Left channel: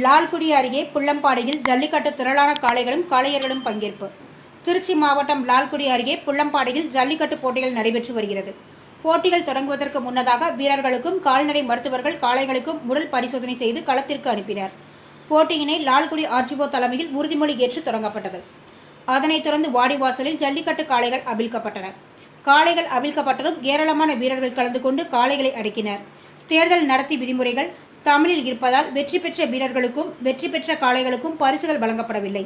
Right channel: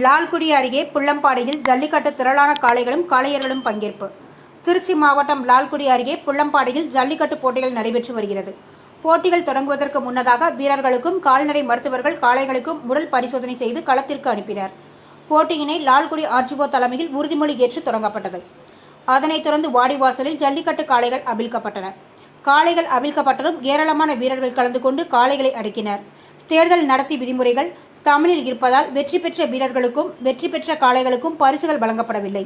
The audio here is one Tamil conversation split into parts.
லால்குடி அருகே புள்ளம்பாடியில் ஜல்லிக்கட்டு திரளான காளைகளும் காளையர்களும் பங்கேற்பு. திருச்சி மாவட்டம் லால்குடி அருகே புள்ளம்பாடியில் ஜல்லிக்கட்டு போட்டிகள் நடைபெற்று வருகிறது. போட்டிகள் தொடங்குவதற்கு முன்னதாக வீரர்களுக்கும் கால்நடை மருத்துவர்கள் காளைகளுக்கும் உடல் பரிசோதனை செய்து களத்திற்கு அனுப்பினர். போட்டியினை லால்குடி ஆர்டிஓ தலைமையில் உறுதிமொழி ஏற்று தொடங்கப்பட்டது. அதனைத் தொடர்ந்து வாடிவாசலில் ஜல்லிக்கட்டு காளைகள் அவிழ்க்கப்பட்டன. காளைகள் அவிழ்க்கப்பட்டதும் ஏராளமான வீரர்கள் கலந்து கொண்டு காளைகளை அடக்கினர். தேர்தல் நடத்தி விதிமுறைகள் தமிழில் இருப்பதால் வெற்றி பெற்ற வீரர்களுக்கும் வெற்றி பெற்ற காளைகளுக்கும் பரிசுகள் வழங்கப்படவில்லை.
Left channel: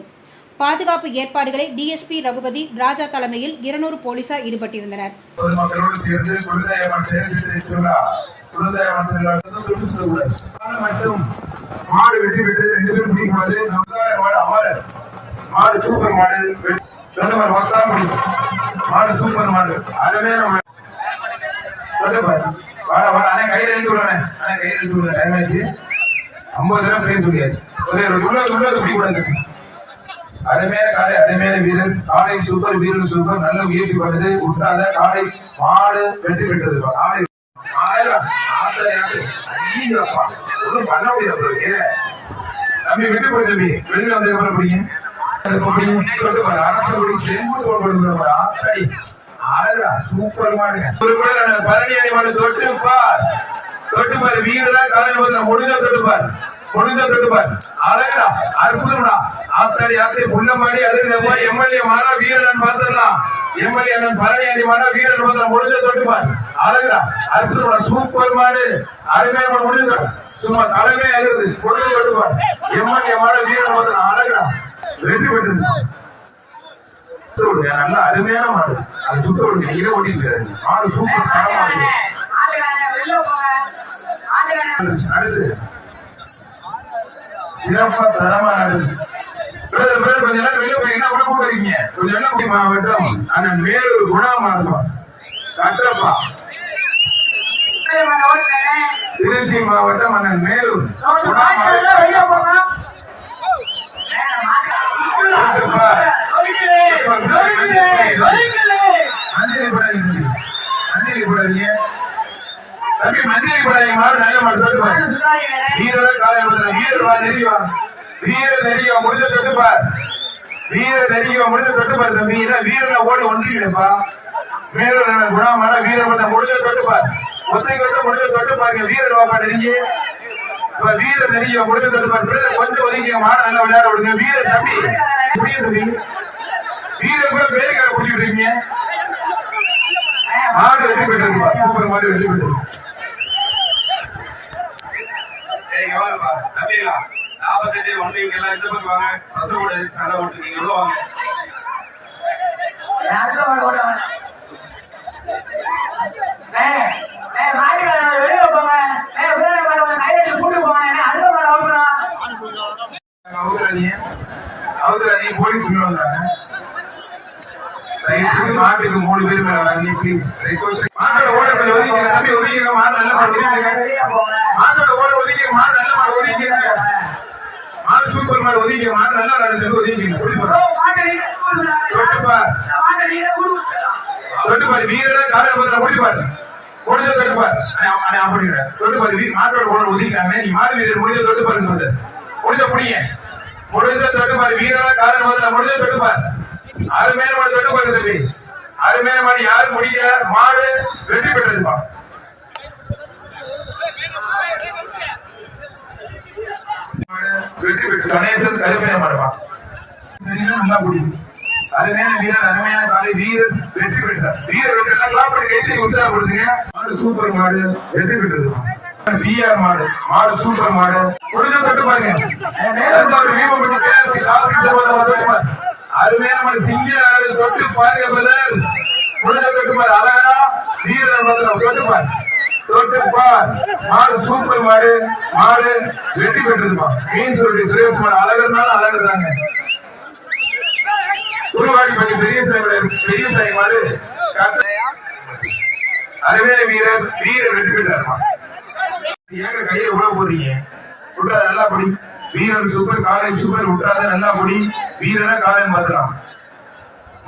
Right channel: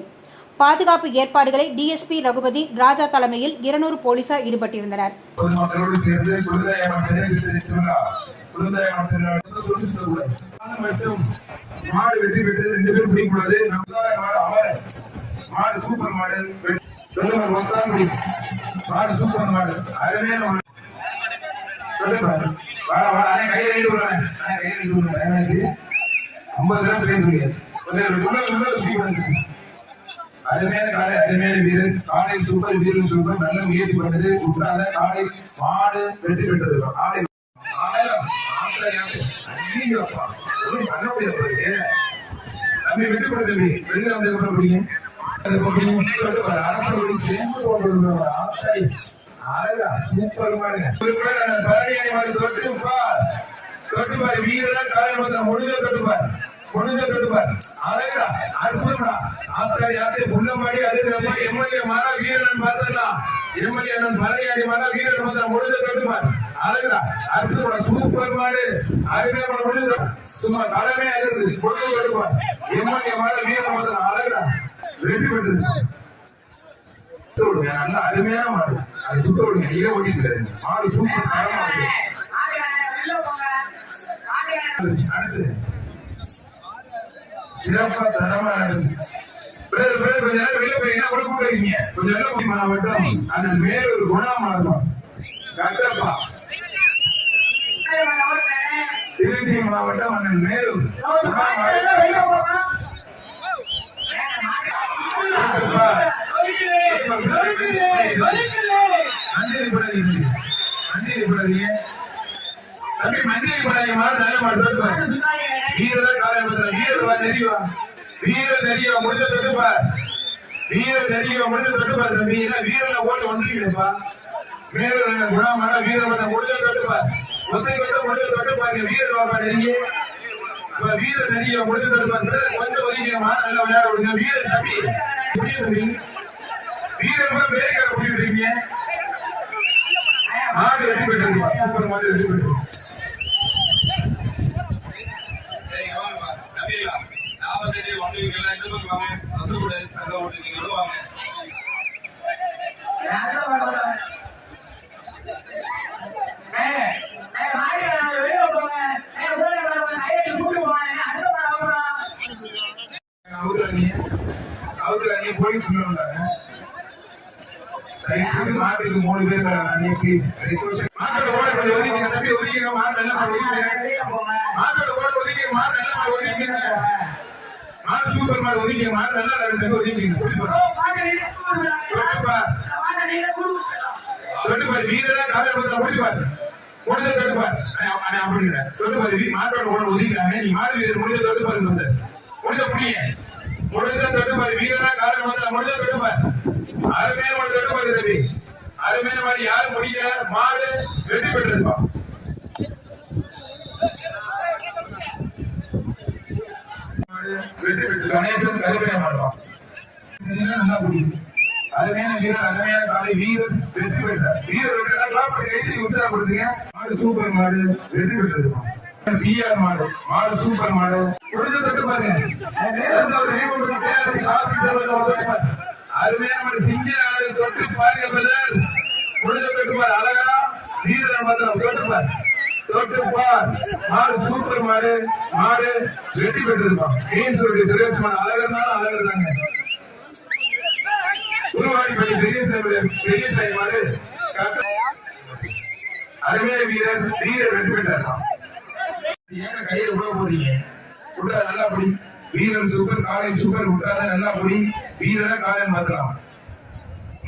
பாதுகாப்பு ஏற்பாடுகளை டிஎஸ்பி ரகுபதி ராஜா தலைமையில் 200 போலீசார் ஈடுபட்டிருந்தனர். அருமையான காலை, அருமையான வீரர், காலை சூப்பர், வீரர் சூப்பர், நல்ல முயற்சி பண்ணது, உற்றாத காலை மாடு வெற்றி பெற்றது. காலை ஒன்றும் பண்ண முடியாது. தம்பி வெற்றி பெற்றது வெளியில வந்து எப்படி பிடிக்கும் சூப்பர் மாடுங்க. பழனி அணி தொட்டு பார், தொட்டு பாரு வீரர் காலை முடிஞ்ச தொட்டுப்பார், முடிஞ்ச தொட்டுப்பார். அழகா அற்புதம்டா. ஆத்தாடி ஆத்தி புள்ளமாடி அதுக்கு எம்எல்ஏ மாறா வீரன் பாத்துடலாம். எம்எல்ஏ அண்ணன் பழனி அணி மாறா வீரன் பார்த்தா முடிஞ்ச தொட்டுப்பார். அழகா அற்புதம்டா. சூப்பர் மாடு, அருமையான முடிஞ்ச சும்மா தலைமே அழுது முடிஞ்ச தொட்டுப்பார். எம்எல்ஏ மாறா வீரன் பார்த்தா அழகா வெற்றி பெற்றது. நல்லா அருமையான மாடு. அது சுத்த விடுங்க, இதை ஓட்டிட்டு மாடு சூப்பர் மாடு. அடுத்து சிறப்பா தரமா நடக்குது. கொஞ்ச நேரம் வெளியே போய் என்ன கூட கூப்பிடுறீங்க? கொஞ்சம் வெள்ளக்குடி மாவட்டம் அண்ணன் மேலூர் குணாமா இருக்கும் கட்டப்பா. திருச்சி மாவட்டம் அண்ணன் மேலூர் குணாமா. அஞ்சலி போடாதீங்க தம்பி, மஞ்சள் போடாதீங்க. மாடு நல்ல மாடு. வீரர் காலை வீரர் நெறிவா, வீரர் நெறிவா முடிஞ்ச தொட்டுப்பார், வீரர் நெறிவா முடிஞ்ச தொட்டுப்பார். தம்பி வீரர்ல ஓடி ஒன்றிப்பா. மேலூர் குணாமான வீரர் வந்து முடிஞ்ச தொட்டுப்பார். ஒத்தைக்கு வந்து முடிஞ்ச தொட்டுப்பாருங்க. வீரர் வாப்பா நெருங்கி வீரர் நெறிவா முடிஞ்ச தொட்டுப்பார். கொஞ்சம் ஒதுக்கிங்க. மாடு நல்லா விளையாட விடுங்க. வீரர் தம்பி புரியும் தம்பி, வீரர் வேலைக்கார புரிஞ்சு விடுறீங்க. மாடு வெற்றி பெற்றிருப்பா. சூப்பர் மாடு வெற்றி பெற்று. போலீஸ் மாட்டுக்கு 3 பேர் மாட்டோட ஓட ஒதுக்கிங்க தம்பி, ஒதுக்கிங்க. மாடு நல்ல மாடு மாட்டோட ஓட ஒதுக்கிங்க. மாடு நல்ல மாடு ஒதுக்கிங்க. மாடு சூப்பர் மாடு ஒதுக்கிங்க. மாடு நல்லா நடந்து ஒதுக்கிங்க. தொட்டுப்பாரு வீரர் காலப்பத்திர முடிப்பாரு, முடிஞ்ச தொட்டுப்பாரு. தொட்டுப்பாரு மாட்டோட ஓட ஒதுக்கிட்டாங்க. நீ மாடு வீரர் முடிஞ்ச தொட்டுப்பாரு, முடிஞ்ச முடிய முடிஞ்ச தொட்டுப்பாரு. வீரரா காரணம் முடிஞ்ச தொட்டுப்பார். அருமையான மாடு தொட்டுப்பாரு தம்பி, அருமையான மாடு. யாரு முடிக்கிற மாடு வெற்றி பெற்றதுப்பா. வெற்றி பெற்று கணேசன் கடுமையான மாடுப்பா. நல்லா முடியும். அருமையான வீரர், அருமையான காலை வீரர் வெற்றி பெற்றார். வீரர் வெற்றி கைதி உற்சாக கொடுத்துங்க. மாடு சூப்பர் மாடு வெற்றி பெற்றது. பிஆர் மாடு, மாடு சூப்பர் மாடு. முடிஞ்ச தொட்டு பாருங்க. அருமையான மாடு சிங்க தொட்டு பாருங்க. முடிஞ்ச தொட்டு பாரு. அழகா வீரர் தொட்டுப்பார், தொட்டுப்பார். மாடு சூப்பர் மாடு, மாடு வெற்றி பெற்றிருப்பான். மீன் சொல்லி சுரேஷ் மாடு அழகர்னால அழகுதாங்க. உருவாடி பண்ணி பெரிய சாய் மாடு அருமையான வீரர், வீரர் வெற்றி பெற்றார். ஏங்க கையில உள்ள போறீங்க? விட்டாத நல்லா படி. வீரர் சூப்பர், காலை சூப்பர். விட்டாத நல்லா படி. வீரரை காலையும் பார்க்கலாம்.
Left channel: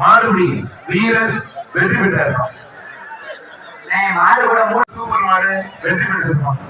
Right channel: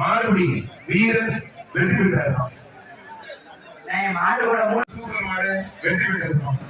மாடுபடி வீரர் வெற்றி பெற்றார். சூப்பர் மாடு வெற்றி பெற்றிருப்பான்.